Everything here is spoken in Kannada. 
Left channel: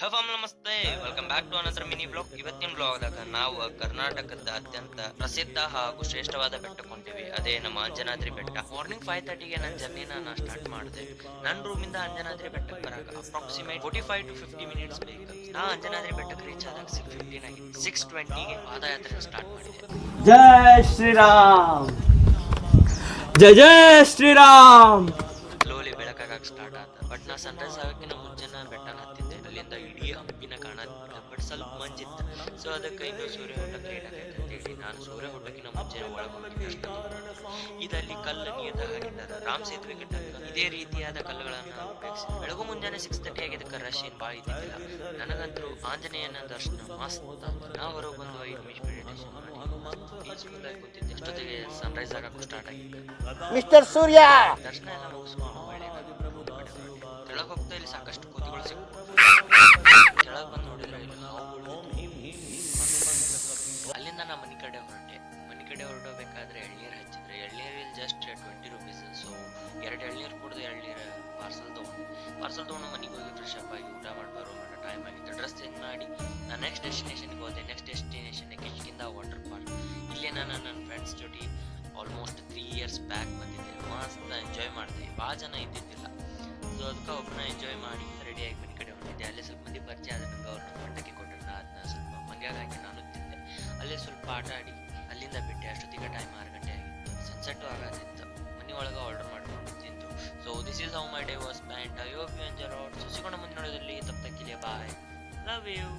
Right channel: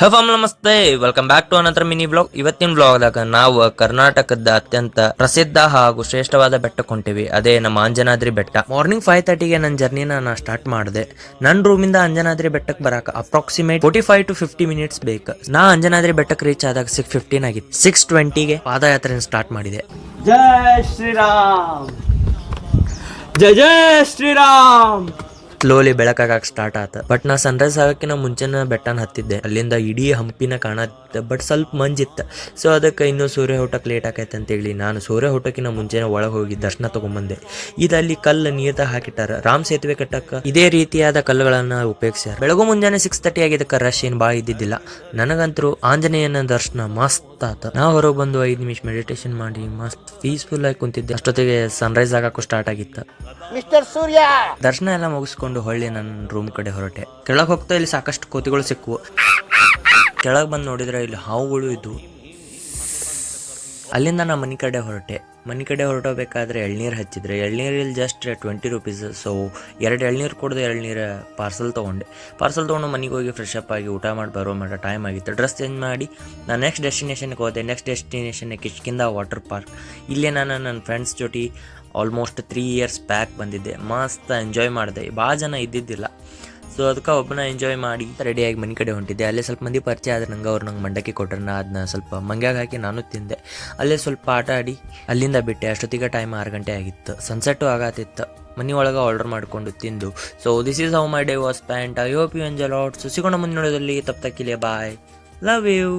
ಹಫಮ್ ನಮಸ್ತೆ, welcome back to another mini blog. ಇವತ್ತಿನ ಬ್ಲಾಗ್ದಾಗ ನಾವು ಕರ್ನಾಟಕದ ಅತ್ಯಂತ ಪ್ರಸಿದ್ಧ ಹಾಗೂ ಶ್ರೇಷ್ಠವಾದ ಬೆಟ್ಟಕ್ಕೆ ಹೊಂಟಿವಿ. ಅದೇ ನಮ್ಮ ಅಂಜನಾದ್ರಿ ಬೆಟ್ಟ. ಮಾರ್ನಿಂಗ್ 5:30ಗೆ ನನ್ನ ಜರ್ನಿನ ನಾ ಸ್ಟಾರ್ಟ್ ಮಾಡಿದೆ. ನನ್ನ ರೂಮಿಂದ ಅಂಜನಾದ್ರಿ ಬೆಟ್ಟಕ್ಕೆ ಬರಕ ಅಪ್ರಾಕ್ಸಿಮೇಟ್ 45 to 50 ಮಿನಿಟ್ಸ್ ಬೇಕು. ನಾ ಅಂಜನಾದ್ರಿ ಬೆಟ್ಟಕ್ಕೆ ರೀಚ್ ಆದಾಗ 6:15 ಆಗಿತ್ತು. 6:20ಗೆ ಪಾದಯಾತ್ರೆ ಸ್ಟಾರ್ಟ್ ಮಾಡಿದೆ. ಜೈ ಶ್ರೀರಾಮ್, ಜೈ ಜೈ ಶ್ರೀರಾಮ್. ಸ್ಲೋಲಿ ಬೆಳಕಾಗಕ್ಕೆ ಸ್ಟಾರ್ಟ್ ಆತ. ಬಟ್ ನಾ ಸನ್ರೈಸ್ ಆಗಕ್ಕಿಂತ ಮುಂಚೆನ ಬೆಟ್ಟನ ಹತ್ತಿದ್ದೆ. ಅಲ್ಲಿಂದ ಇಡೀ ಹಂಪಿನ ಕಾಣತ್ತೆ, ಬಟ್ ಸ್ವಲ್ಪ ಮಂಜಿತ್ತು. ಸೊ ಅದಕ್ಕೆ ಇನ್ನೂ ಸೂರ್ಯ ಹುಟ್ಟಕ್ಕೆ ಲೇಟ್ ಆಕೈತೆ ಅಂತೇಳಿ ನಾನು ಸೂರ್ಯ ಹುಟ್ಟಕ್ಕಿಂತ ಮುಂಚೆನೆ ಒಳಗೆ ಹೋಗಿ ದರ್ಶನ ತಗೊಂಬಂದೆ. ಇಲ್ಲಿ ಕಲ್ಲು ನೀರ್ದಾಗ ಹಾಕಿಟ್ಟಾರ. ರಾಮ್ ಸೇತುವೆ ಕಟ್ಟಕ್ಕೆ ಇದೇ ರೀತಿಯಾದ ಕಲ್ಲುಗಳನ್ನ ಉಪಯೋಗಿಸ್ಯಾರ. ಬೆಳಗು ಮುಂಜಾನೆ 6:30 ಆಗಿದ್ದಕ್ಕೆ ರಶ್ ಏನು ಭಾಳ ಇದ್ದಿದ್ದಿಲ್ಲ. ನನಗಂತರೂ ಆಂಜನೇಯನ ದರ್ಶನ ಮಸ್ತ್ ಆತ. ನಾ ಹೊರಗೆ ಬಂದು 5 ನಿಮಿಷ ಮೆಡಿಟೇಷನ್ ಮಾಡಿ ಮಸ್ತ್ ಪೀಸ್ಫುಲ್ ಆಗಿ ಕುಂತಿದ್ದೆ. ಅಷ್ಟೊತ್ತಿಗೆ ಸನ್ರೈಸ್ ಆಗಕ್ಕೂ ಸ್ಟಾರ್ಟ್ ಆಗಿತ್ತು. ಮಿಸ್ಟರ್ ಸೂರ್ಯ ದರ್ಶನ ಎಲ್ಲ ಮುಗಿಸ್ಕೊಂಡು ಹೊಳ್ಳಿ ನನ್ನ ರೂಮ್ ಕಡೆ ಹೊರಟೆ. ಕೆಳಗೆ ಹೋಗ್ತಾ ಇಲ್ಲಿ ಸಾಕಷ್ಟು ಕೋತಿಗಳು ಸಿಕ್ಕವು. ಕೆಳಗೆ ಬಂದು ನೋಡಿದ್ರೆ ಇಲ್ಲಿ ಹಾವುಗಳು ಇದ್ವು. ಅಲ್ಲಿಂದ ನಾ ಮನೆ ಕಡೆ ಹೊರಟೆ. ಮನೆ ಕಡೆ ಹೊರಟೋಗ್ಬೇಕಾದ್ರೆ ಎಳ್ನೀರು ಹಚ್ಚಿದ್ರೆ ಎಳ್ನೀರಲ್ಲಿ ಜಸ್ಟ್ 20 ರೂಪೀಸ್. ಸೊ 2 ಎಳ್ನೀರು ಕೊಡದೆ ಎಳ್ನೀರು ಪಾರ್ಸಲ್ ತೊಗೊಂಡೆ. ಪಾರ್ಸಲ್ ತೊಗೊಂಡು ಮನೆಗೆ ಹೋಗಿ ಫ್ರೆಶ್ ಅಪ್ ಆಗಿ ಊಟ ಮಾಡಿ ಬರೋ ಮಟ್ಟ ಟೈಮ್ ಆಗಿತ್ತು. ಡ್ರೆಸ್ ಚೇಂಜ್ ಮಾಡಿ ನಾನು ನೆಕ್ಸ್ಟ್ ಡೆಸ್ಟಿನೇಷನ್ಗೆ ಹೋದೆ. Next destination Kishkindha water park. ಇಲ್ಲೇ ನಾನು ನನ್ನ ಫ್ರೆಂಡ್ಸ್ ಜೊತೆ ಆಲ್ಮೋಸ್ಟ್ 3 ಇಯರ್ಸ್ ಬ್ಯಾಕ್ ಬಂದಿದ್ದೆ. ಮಸ್ತ್ ಎಂಜಾಯ್ ಮಾಡಿದೆ. ಭಾಳ ಜನ ಇದ್ದಿದ್ದಿಲ್ಲ. ಸೊ ಅದಕ್ಕೆ ಒಬ್ಬನ ಎಂಜಾಯ್ ಮಾಡಿ ರೆಡಿಯಾಗಿ ಮನೆ ಕಡೆ ಹೊಂಟಿದ್ದೆ. ಅಲ್ಲೇ ಸ್ವಲ್ಪ ಮಂದಿ ಪರಿಚಯ ಆದ್ರೆ ನಂಗೆ ಮಂಡಕ್ಕಿ ಕೊಟ್ಟರೆ ನಾ ಅದನ್ನ ಸ್ವಲ್ಪ ಮಂಗ್ಯಾಗ ಹಾಕಿ ನಾನು ತಿಂದೆ. ಅಲ್ಲೇ ಸ್ವಲ್ಪ ಆಟ ಆಡಿ ಅಲ್ಲಿಂದ ಬಿಟ್ಟೆ. ಅಷ್ಟೊತ್ತಿಗೆ ಟೈಮ್ 6 ಗಂಟೆ ಆಗಿತ್ತು. ಸನ್ಸೆಟ್ಟು ಆಗತ್ತಿತ್ತು. ಮನೆ ಒಳಗೆ ಆರ್ಡರ್ ಮಾಡಿಕೊಂಡು ತಿಂದು. So this is how my day was spent. I hope you enjoy lot. So ಸಿಗೋಣ ಮುಂದಿನ ನೋಡೋದಲ್ಲಿ. ತಪ್ಪಕಿಲೆ ಬಾಯ್, ಲವ್ ಯು.